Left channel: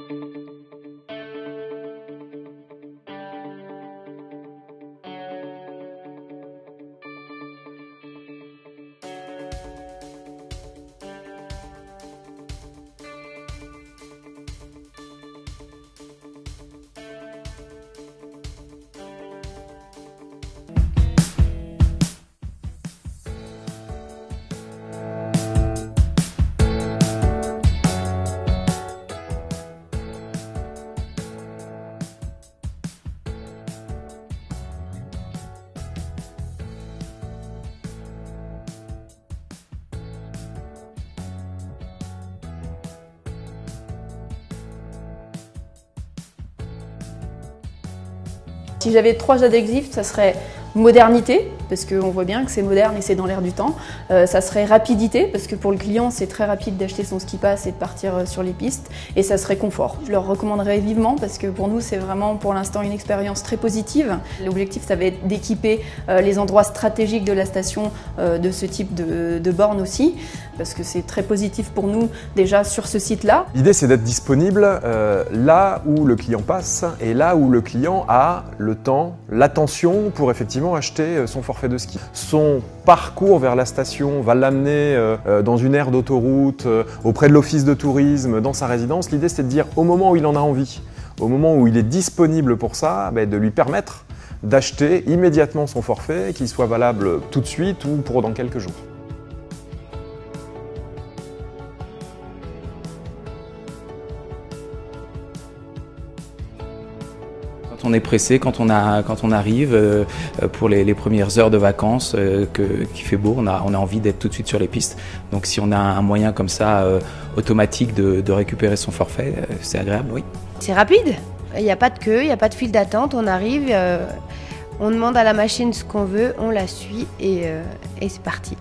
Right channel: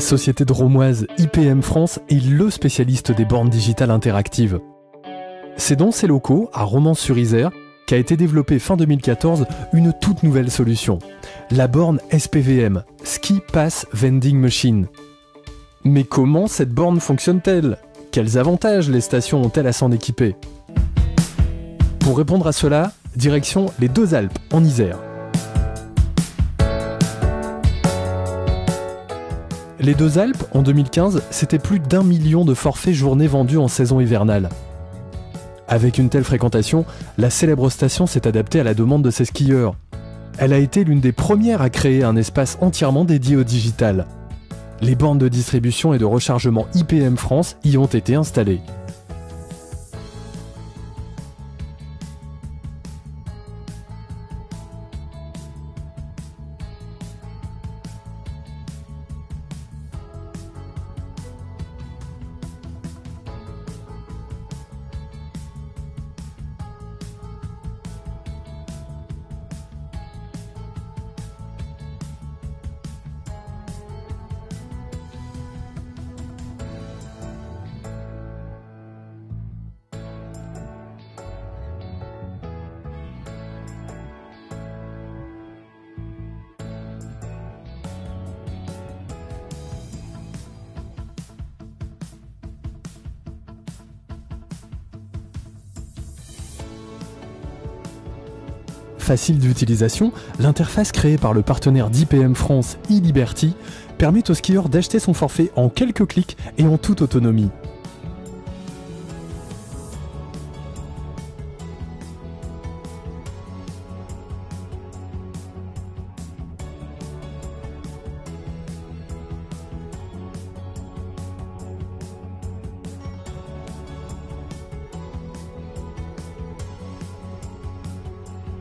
La société drômoise IPM France est le spécialiste des bornes digitales interactives. C'est dans ses locaux, à Romans-sur-Isère, qu'a été développée fin 2014 une toute nouvelle solution. La borne SPVM, Ski Pass Vending Machine. Mais comment cette borne fonctionne-t-elle? Quels avantages les stations ont-elles à s'en équiper? Pour répondre à cela, direction les Deux Alpes, en Isère. Les Deux Alpes, en 2015, c'était plus d'1 million de forfaits journées vendus en saison hivernale. Avec une telle fréquentation, la célèbre station s'est adaptée à la demande de ses skieurs. Elle a été l'une des premières à créer un espace entièrement dédié au digital. Les bornes de distribution et de rechargement IPM France y ont été installées. Si j'avais 3 adjectifs, ça serait modernité, parce qu'on voit bien que c'est moderne et c'est dans l'air du temps. Ça serait rapidité, parce que pour le client, c'est très rapide d'acheter son ski pass et de partir sur les pistes. Et ça serait confort. Je leur recommanderais vivement, parce que pour nous, c'est vraiment pour l'instant une expérience très positive. L'objectif, ça va être d'équiper les endroits stratégiques de la station de ce type de borne aussi, parce que c'est très positif pour nous déjà sur ce site-là. L'idée, c'est d'être disponible là où le client passe et là où le client a le temps, l'attention pour effectivement acheter son forfait de ski. Son parcours vers la station va l'amener dans une aire d'autoroute, auprès de l'office de tourisme, dans sa résidence. L'idée, c'est de dire au moment où il en a envie, au moment où il est disponible pour ça, de lui permettre d'acheter immédiatement son forfait, qu'il soit valable tout de suite ou pour dans quelques jours. Facile d'utilisation, l'interface créée par le partenaire d'IPM France, eLiberty, permet au skieur d'acheter son forfait en quelques clics et en toute autonomie. Quand on est pressé, quand on arrive pour les premières heures de vacances, qu'il fait beau, on a envie d'être tout de suite sur les pistes. Donc si on a un moyen comme ça automatique de récupérer son forfait, c'est agréable, oui. C'est rapide, il n'y a pas de queue, il n'y a pas de file d'attente, on arrive, on demande à la machine ce qu'on veut, on la suit et c'est parti.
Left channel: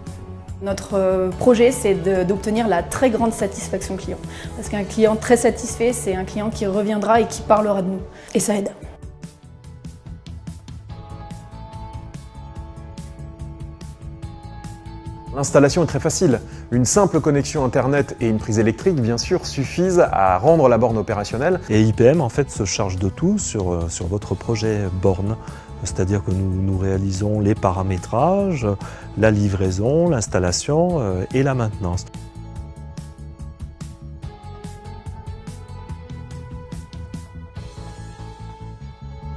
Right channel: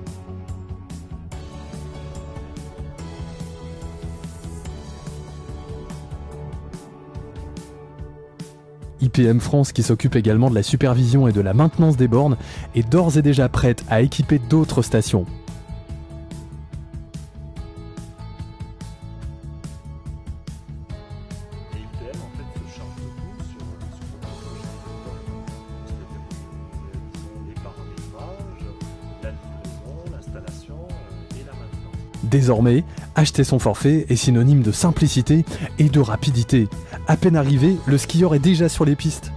Notre projet, c'est d'obtenir la très grande satisfaction client. Parce qu'un client très satisfait, c'est un client qui reviendra et qui parlera de nous. Et ça aide. IPM France, qui s'occupe également de la supervision et de la maintenance des bornes, est d'ores et déjà prête à équiper d'autres stations. L'installation est très facile. Une simple connexion Internet et une prise électrique, bien sûr, suffisent à rendre la borne opérationnelle. Et IPM, en fait, se charge de tout sur votre projet borne. C'est-à-dire que nous réalisons les paramétrages, la livraison, l'installation et la maintenance. Désormais, acheter son forfait est synonyme de simplicité et de rapidité. À peine arrivé, le skieur est déjà sur les pistes.